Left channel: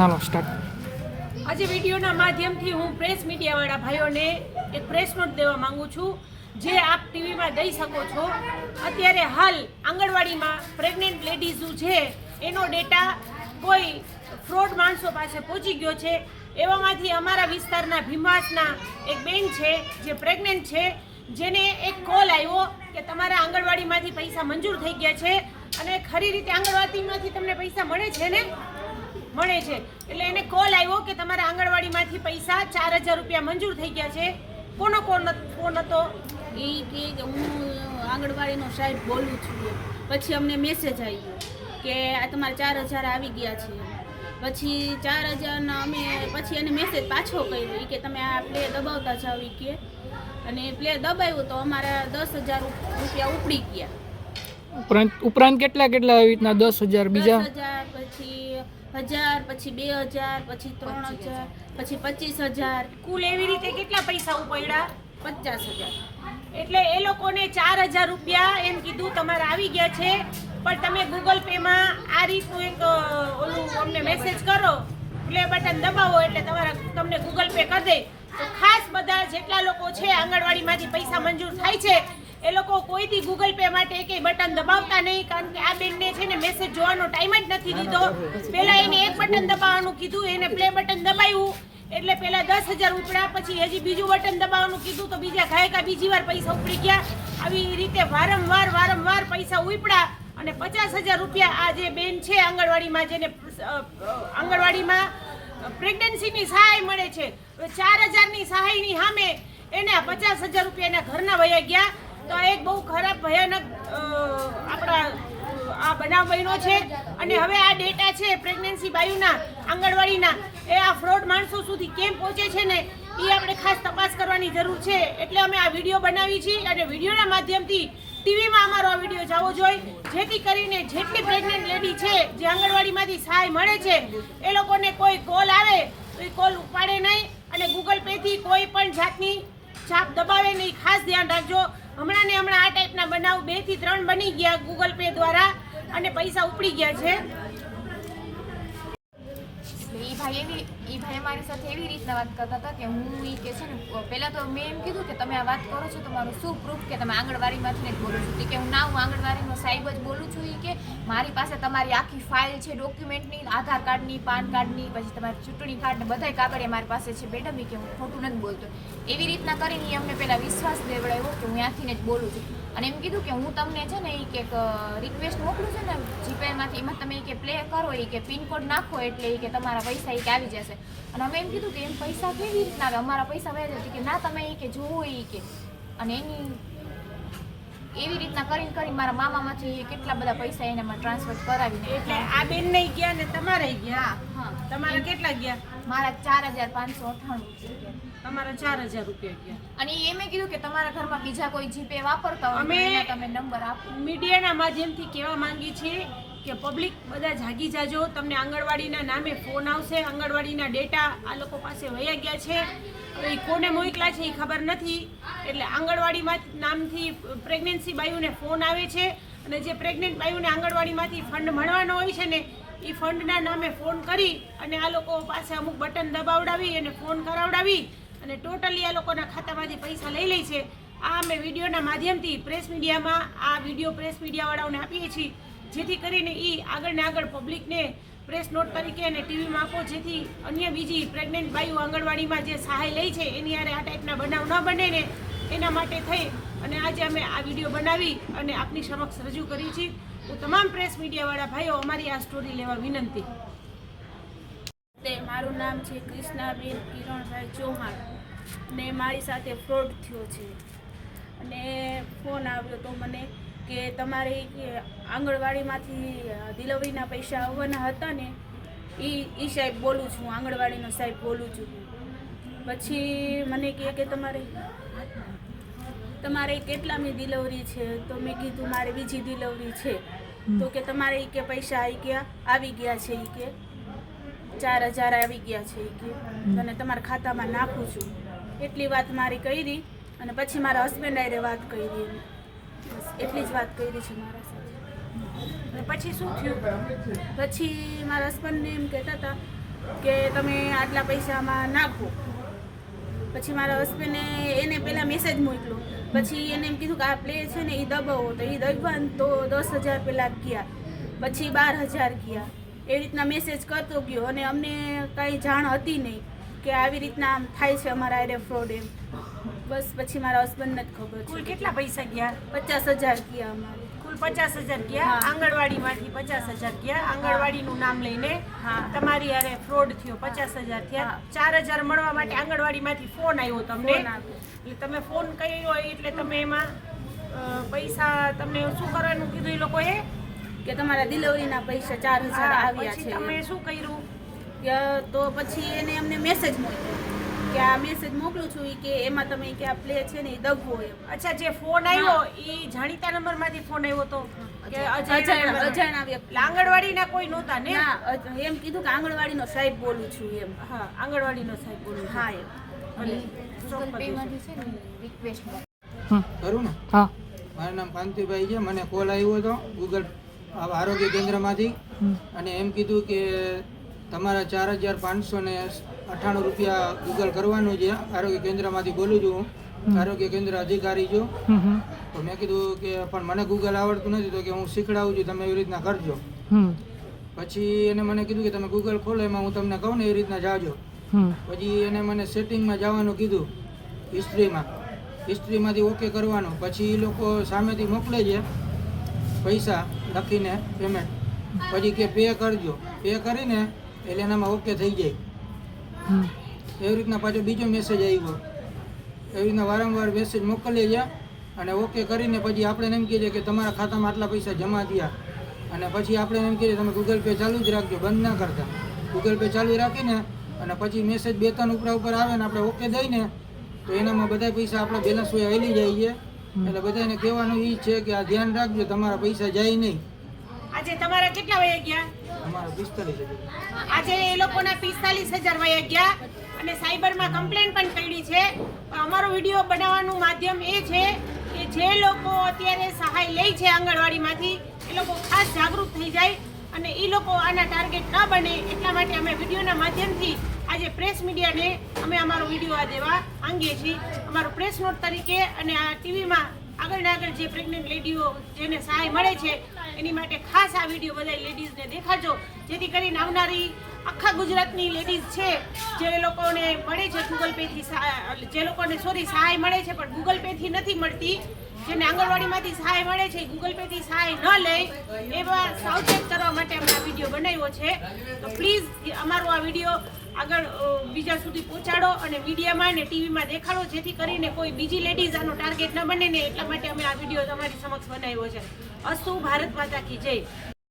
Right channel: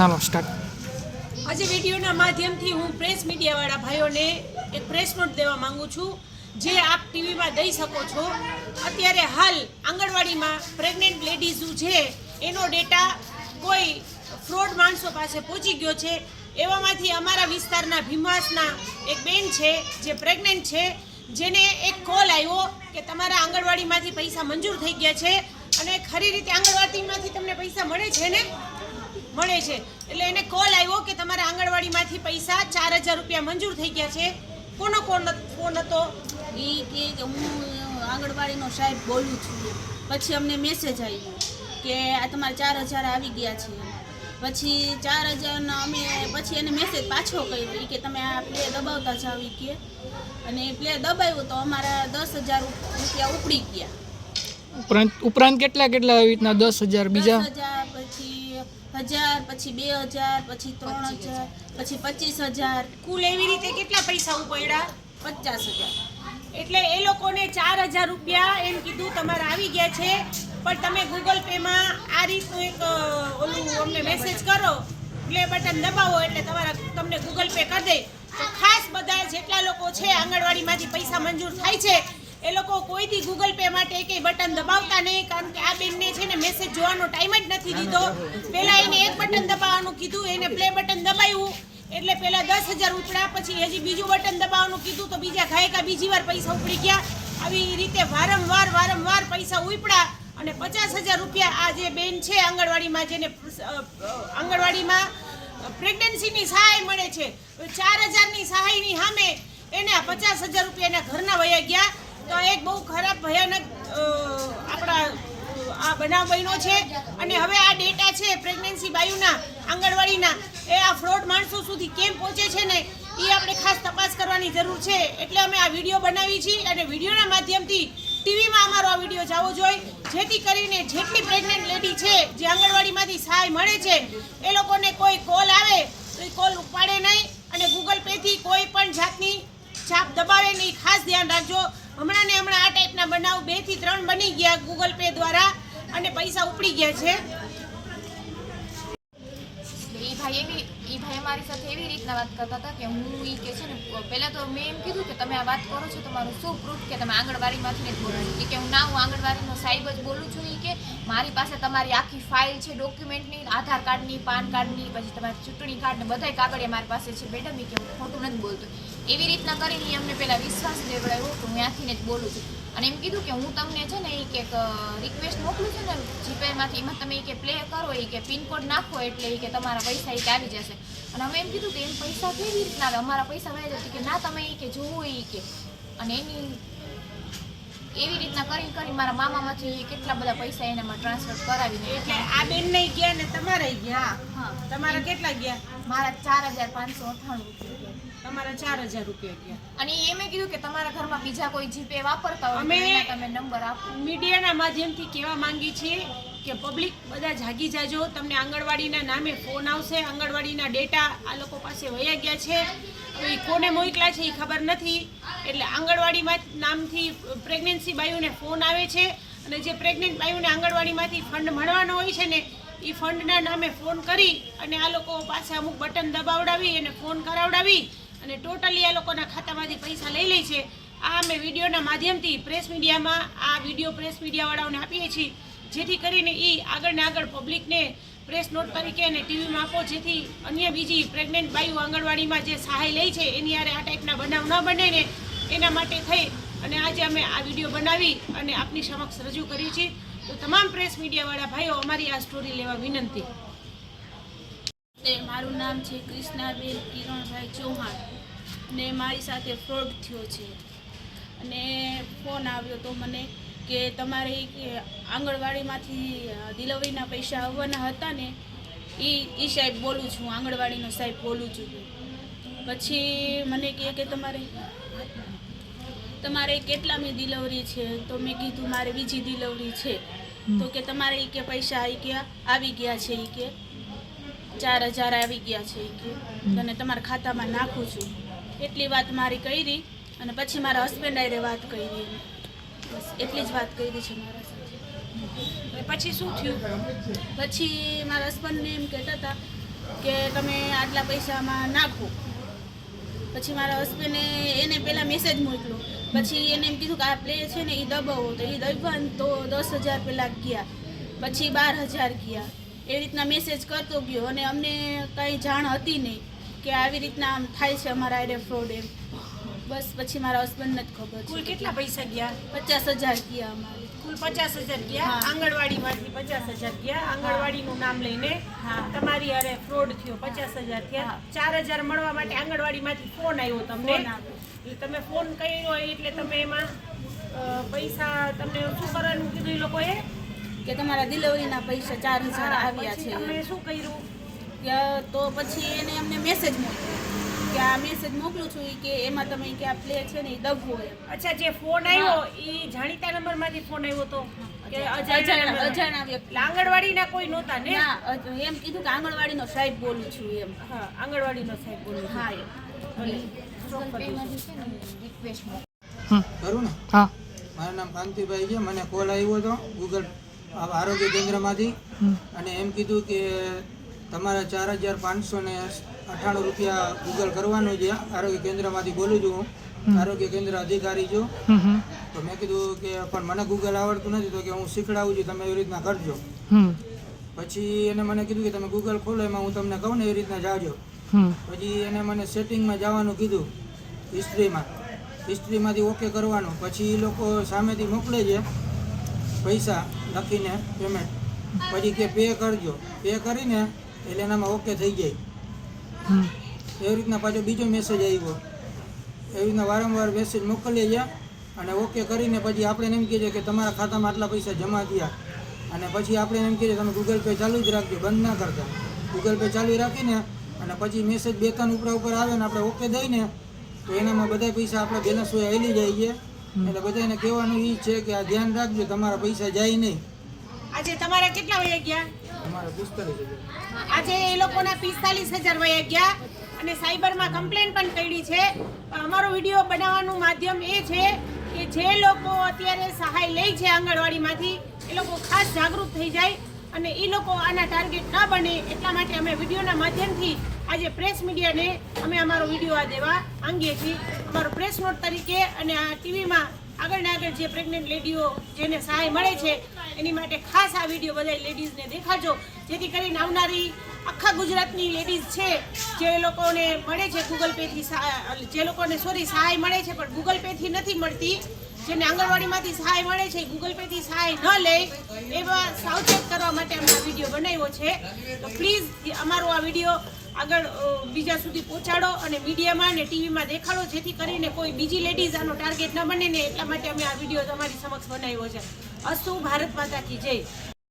હાલો start. આજે વિડીયોના માધ્યમથી હું પ્રેસ મીડિયાવાળા ભાઈઓને એક પ્રેસ નોટ દેવા માંગુ છું, જે આપ ટીવીમાં દઈ શકો છો. અત્યારે હાલ આંગણવાડીમાં પ્રેગ્નન્ટ લેડીઝ છે એનો ડેટા કોઈ ફ્રોડ માણસો પાસે પહોંચી ગયો છે. એવામાંથી અમારા વિસ્તારના ભીમાસના એક બેન છે જે પ્રેગ્નન્ટ છે, જેને એક કોલ આવ્યો કે તમારા આંગણવાડીમાંથી પૈસા મંજૂર થઈ ગયા છે અને ખરી રીતે આંગણવાડીમાંથી તમને પૈસા મળે છે ને મળે છે. એટલે એને કોલ આવ્યો કે તમારા આંગણવાડીમાંથી પૈસા 4000 રૂપિયા મંજૂર થઈ ગયા છે. કોનો ફોન હતો? એ કે હું આંગણવાડીનો સાહેબ બોલું છું. પછી અમને મેસેજ આવ્યો કે આ તમારે 4000 આવી ગયા છે. પછી 4000 અમે પછી એને મેસેજ પાછો કર્યો કે તમે આ પ્લે દબાવતા જાઓ કે, અને પ્લે દબાવ્યું તો અમારા 10000 રૂપિયા ઉપડી ગયા. ઉપરાંત કેટલા આવી રીતના 10000 બીજા 10000 પછી 1000 પછી 2000 પછી 3000 પછી 25000 કુલ એવી રીતે કેટલા પૈસા ઉપડ્યા? 50000. એટલે એ લોકોને 4000 રૂપિયા એમ કીધું તમારે આવી ગયા છે, પણ તમે ગૂગલ પેમાં આ રીતનું એક ઓલું અમને મેસેજ કરો, પ્લે બટન દબાવો એટલે તમને ગૂગલ પે કરી દે. તો ખાસ બધા જેટલા લોકો છે આંગણવાડીમાંથી પૈસા મંજૂર થાય છે એ લોકો કોઈથી ગૂગલ પે માટે એકેય બટન દબાવતા નહીં, કારણ કે આ બેનને છે ને મેસેજ જોવાનો ટાઈમ જ નથી દીધો. પહેલાં એને એક બટન દબાવવાનું કીધું, એને પ્લે બટન દબાવ્યું એટલે પહેલાં 10000 ઉપડ્યા, પછી હજી બીજું બટન દબાવવાનું કીધું તો બીજા ઘાયકા બીજી વાર પૈસા ઉપડી ગયા. આવી રીતે વારંવાર પૈસા ઉપડ્યા અને 50000 રૂપિયા આ જે બેન છે આંગણવાડીમાં, જેને આંગણવાડીમાં પ્રેગ્નન્સીની સહાય મળે છે, 4000ની સહાયની સામે એને આ 50000 રૂપિયા એના ઘરના વયા ગયા. તો એક બહુ ખરાબ ભયાનક આપણા આ બનાવ બન્યો છે. અને હવે આ ડેટા છે પ્રેગ્નન્સી બાયુના આંગણવાડીના, એ આ ફ્રોડ માણસો સુધી કેમ પહોંચે છે ને એ આપણે ખાસ તપાસ કરવાની જરૂર છે. એટલે અમે આ વિડીયો બનાવી છીએ અને વિડીયોના માધ્યમથી ટીવીમાં અમારો આ વિડીયો જવો જોઈએ, જેથી કરીને જેટલી પ્રેગ્નન્ટ લેડી છે જે આંગણવાડીમાંથી સહાય મળે છે એ લોકોને કોઈ કોલ આવે તો એ કોલ ઉપાડે નહીં અને ગૂગલ પેથી કોઈ પણ જાતની છાપ દબાવે નહીં. ખાસ ધ્યાન રાખજો. હમણાં આ ટાઈપના બનાવ 2 થી 3 બની ગયા ગૂગલ પે દ્વારા અને પૈસા ઉપડી ગયા છે. એ ભાઈ અમારી સાથે એવી રીતના વાત કરતા હતા કે હું એ કે છે ને, પહેલાં તો મેં એમ કીધું કે તમે આ વાત કરો છો તમારું શું પ્રૂફ કે તમે આંગણવાડીમાંથી જ બોલો છો? કે હું હું આંગણવાડીનો સાહેબ જ બોલું છું. એ કે મારી પાસે તમારી આખી ફાઇલ છે ડોક્યુમેન્ટની, આધાર કાર્ડની, પાન કાર્ડની, પછી તમારી ચૂંટણી કાર્ડ ને બધાય કાગળિયા મારી પાસે છે મેડમ. એ કે હું ખોટું નથી બોલતો. એવી રીતના કરીને અમને પહેલાં વિશ્વાસ લેવડાવ્યો કે હું ત્યાંથી જ બોલું છું. અને એમ કીધું કે હું તમને છે ને એ કે રિક્વેસ્ટ મોકલું છું ને જીપેમાંથી, એમાં તમે કે પ્લે કરો, એ કે પિનકોડ નાખો એટલે એ કે તમારા પૈસા એ કે આવી જશે. અને અમે એમ કીધું કે એમ પૈસા કેવી રીતના આવે, અમારા પૈસા વહી જાય? કે ના તમે એ કે જોવો એ કે. અને એવી રીતના કરી મારા મામામાંથી કેટલા બધા પૈસા એનામાં ટ્રાન્સફર કરાવીને. એટલે આ બેન નહીં ગયા ને તમારે ગયા? હા. તમારા કેટલા ગયા? મારા 4598 રૂપિયા ગયા. તમારા 4000 રૂપિયા ગયા. અને એ મેં કીધું કે તમારા ઘરમાં બીજા કોઈ જીપે વાપરતા હોય તો એના તમે નંબર આપો. મીડિયાના માધ્યમથી કહેવા માંગી છીએ કે પબ્લિક બધા જાગી જાજો. તમને આંગણવાડીના નામે ફોન આવશે, આંગણવાડીના ડેટા આ લોકો પાસે વયા ગયા છે. હવે એ કોને મોકલા છે એ ખબર નથી. એટલે આંગણવાડીમાં નામથી પ્રેગ્નન્સી બાયુને ફોન આવે છે અને જે પ્રેગ્નન્ટ બાયુને આંગણવાડીમાંથી ફંડ મળવાનો હોય છે ને એ ફંડના નામે ફોન કરી અને આ લોકો પાસે અમુક બટન દબાવડાવી અને ફોન કરાવડાવી અને ટોટલી આ લોકોના ખાતામાંથી પૈસા લઈ લે છે. આ અમે વિડીયોના માધ્યમથી પ્રેસ મીડિયામાં આ વિડીયો પ્રેસ મીડિયાવાળાઓને આપીએ છીએ, જેથી કરીને એ આગળ પબ્લિકને પ્રેસ નોટ તરીકે અને ટીવીમાં આપો, જેથી અન્ય બીજી પ્રેગ્નન્ટ બાયુ આંગણવાડીમાં જે સહાય લે છે એની આરે આ ટાઈપના બનાવ ન બને ને એના માટે થઈ અને આજે અમે આ વિડીયો બનાવી અને આપની સમક્ષ રજૂ કરી છે. તો તમામ પ્રેસ મીડિયાવાળા ભાઈઓ અમારી આ સ્ટોરી લેવા વિનંતી. મારું નામ છે કૃષ્ણાબેન કિરણભાઈ ચૌહાણ ને મારી સાથે ફ્રોડ થયો છે. અને ફોન આવ્યો તો મને કે તમારે કે આંગણવાડીમાંથી ડિલિવરીના પૈસા આવવાના હતા ને, એ સાહેબ બોલું છું, આંગણવાડીનો સાહેબ બોલું છું. પછી મને કહે કે તમારે કેટલામી ડિલિવરી છે? તો મેં કીધું મારે બીજી ડિલિવરી છે. તો કે તમારે એ કે પૈસા આવી ગયા છે, એ કે 4000 આવી ગયા છે, એ કે અને તમારા ખાતામાં નાખું છું. એટલી વાત મારી કરી અને પછી મારા હસબન્ડ આરે વાત કરી. બસ એટલી જ વાત કરી છે મારા સાથે. પછી શું થયું? પછી મારા હસબન્ડને એમ કહેતા હતા કે તમે આટલા પૈસામાં નાખો. પછી મારા હસબન્ડે એને પહેલાં મેસેજ મોકલ્યો. પછી એને એમ કીધું કે આ પ્લે છે ને એ દબાવો, તો એ દબાવવાનું તો 10,000 પહેલાં ગયા, પછી 12,000 ગયા. એવી રીતના મેસેજ કરતો ગયો અને અમને કાંઈ જાણ હતી નહીં કે આવી રીતના આમ થાય છે અમારા આઈડે ફ્રોડ એમ. બસ પછી મારા હસબન્ડને જ ખબર કુલ છે. કેટલા પૈસા ગયા? 50,000 ગયા અમારે. કુલ 50,000 ગયા. હા. આંગણવાડીમાંથી 50,000 ગયા. આંગણવાડીનું નામ લઈને હા. તમારી હારે ફ્રોડ થયો. 50,000 થયા. હા. 4,000 મળવા માટે આંગણવાડીમાંથી ફોન આવ્યો તમને. ફોન આવ્યો. એટલે તમે ફોન કર્યો એટલે તમે એમાં પૈસા તમને શું કરવાનું કીધું એ લોકોએ? કે તમારા ડિલિવરીના પૈસા 4,000 આવ્યા પછી છે તમે એમ. શું કર્યું? તો પછી એને અમને મેસેજ મોકલ્યો કે આ મેસેજ મોકલું છું ઈ કે એમાં તમે કે આ પ્લે છે ને એ દબવો એમ. અચ્છા, જે ફોન આવ્યો એ જાણીતા નંબરમાંથી ફોન આવ્યો તો કે અજાણ્યા નંબર? અજાણ્યા વ્યક્તિ. એટલે આંગણવાડીના કોઈ નહોતા ને? ના એમ કીધું કે આંગણવાડીનો સાહેબ બોલું છું એમ. હા, આંગણવાડીનો સાહેબ બોલું છું. હા એમ. અને ગૂગલ પેમાંથી છે ને રિક્વેસ્ટ કરું ને. હા. મારું નામ કાંતિભાઈ છે. મને કોલ આવ્યો હતો ગૂગલ આરોગ્ય કેન્દ્રમાંથી અને એમ કીધું કે તમારા 4,598 રૂપિયા ગૂગલ કરવાનું છે. આરોગ્ય કેન્દ્રમાંથી બોલું છું હું, આરોગ્ય કેન્દ્ર અધિકારી છું. તો મેં કીધું કે પણ મને ગૂગલ આવડતું નથી, તો કે હું શીખડાવું છું, તમે એવી રીતના કરજો. પછી એને મને કીધું કે તમે ગૂગલ ખોલો, એમાં હું તમને કહું ને એ રીતના જાજો. પછી એને મને સેટિંગમાં જવાનું કીધું, હિસ્ટ્રીમાંથી ઓકે કરવાનું. પછી એ લોકો સામેથી મોકલે છે પૈસા લખીને પેમેન્ટ. પછી કે પે કરજો, પે કરીને એટલે એનામાં ઓકે થઈ જાય. એવી રીતના પાછો બીજો મેસેજ આવ્યો. એવી રીતના વારંવાર મેસેજ મોકલીએ છે અને ઓકે કરીને પછી આપણે એમ કહીએ કે તમારા ખાતામાં આટલા પૈસા જમા થયા. અને પછી આપણે એમ કહીએ તમે ગૂગલ પે ચાલુ જ રાખજો, બંધ ના કરતા. ગૂગલ પે ચાલુ રાખીને અને પછી મેસેજ 2-3 ઉપર આવે ને આપણે ઓકે દઈને તો એનામાં બધા પૈસા આપણા બેલેન્સ હોય આવી જાય છે. એટલે બધાને કહેવાનું એ છે કે આ ધ્યાન રાખજો, તમારા પૈસા જાય નહીં. આજે તમારા કેટલા વયા ગયા? અમારા 45,000. આજે એ લોકોના 45,000 વયા ગયા અને સાયબરમાં કમ્પ્લેન પણ કરી છે. અમારો વિડીયો બનાવવાનું માધ્યમ એ છે કે જે લોકો અત્યારે સહાય લે છે આંગણવાડીમાંથી એ લોકો ખાસ જાગૃત થઈ જાય અને એ લોકો આના ટાર્ગેટ ના બને એટલા માટે અમે વિડીયોના માધ્યમથી આજે પ્રેસ મીડિયાને અમે અમારો વિડીયો આ દેવા માંગીએ છીએ. અમારો પ્રેસ નોટ તરીકે અને આ ટીવીમાં આગળ ને આગળ જે પ્રેગ્નન્ટ લેડીઓ જેને સહાય મળે છે એની માટે ખાસ આ વિડીયો બધા લેડીઝને દેખાડજો, જેથી કરીને આવનારી આખા ગુજરાતની લેડીઝ છે જે લોકોને મળે છે ગૂગલ પેથી જે લોકોને સહાય મળે છે પણ ગૂગલ પેથી નથી મળતી, જેને આંગણવાડીમાંથી સહાય મળે છે ગૂગલ પેથી સહાય ન લે, એવા સાવચેત કરવા માટે અમે આ વિડીયો બનાવ્યો છે. તો પ્લીઝ અમારો આ વિડીયો આગળ બીજા સુધી પહોંચાડો અને મીડિયામાં અને ટીવીમાં દેખાડો, જેથી કરીને કોઈ બીજી લેડીઝ આનો ટાર્ગેટ ન બને ને એટલા માટે અમે આ વિડીયો તમારી સમક્ષ બનાવ્યો છે. અસ્તુ ભારત માતા કી જય.